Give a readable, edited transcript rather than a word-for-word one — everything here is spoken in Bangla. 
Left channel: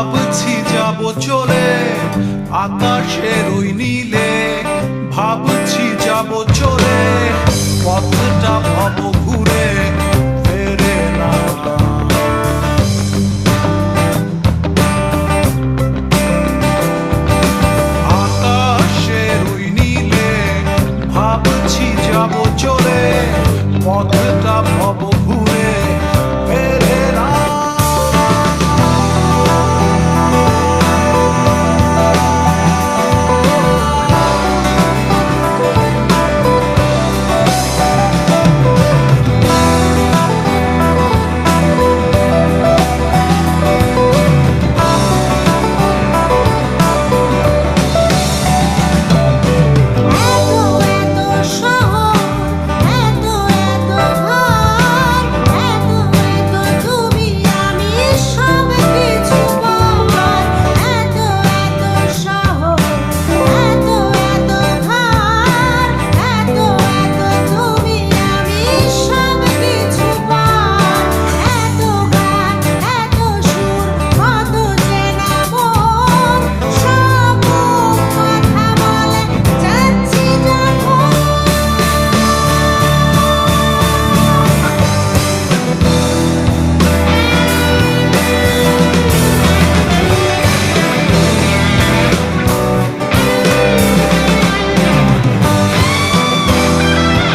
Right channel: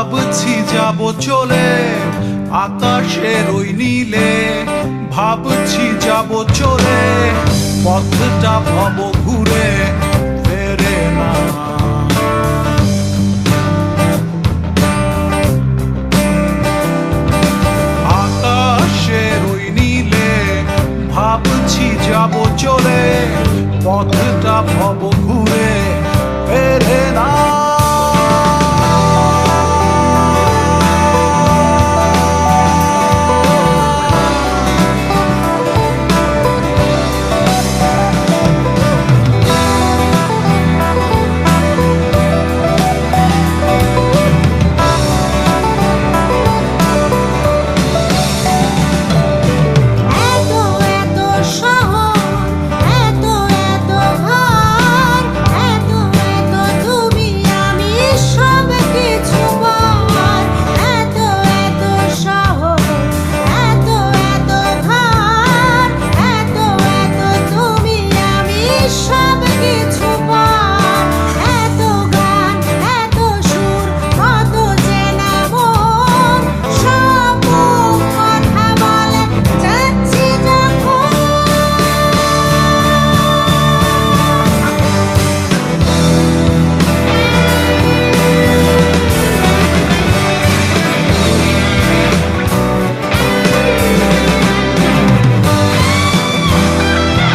ভাবছি যাব চলে আকাশের ওই নীলে, ভাবছি যাব চলে পথটা ভব ঘুরে ফেরে না। আকাশের ওই নীলে ভাবছি যাব চলে পথটা ভব ঘুরে ফেরে না।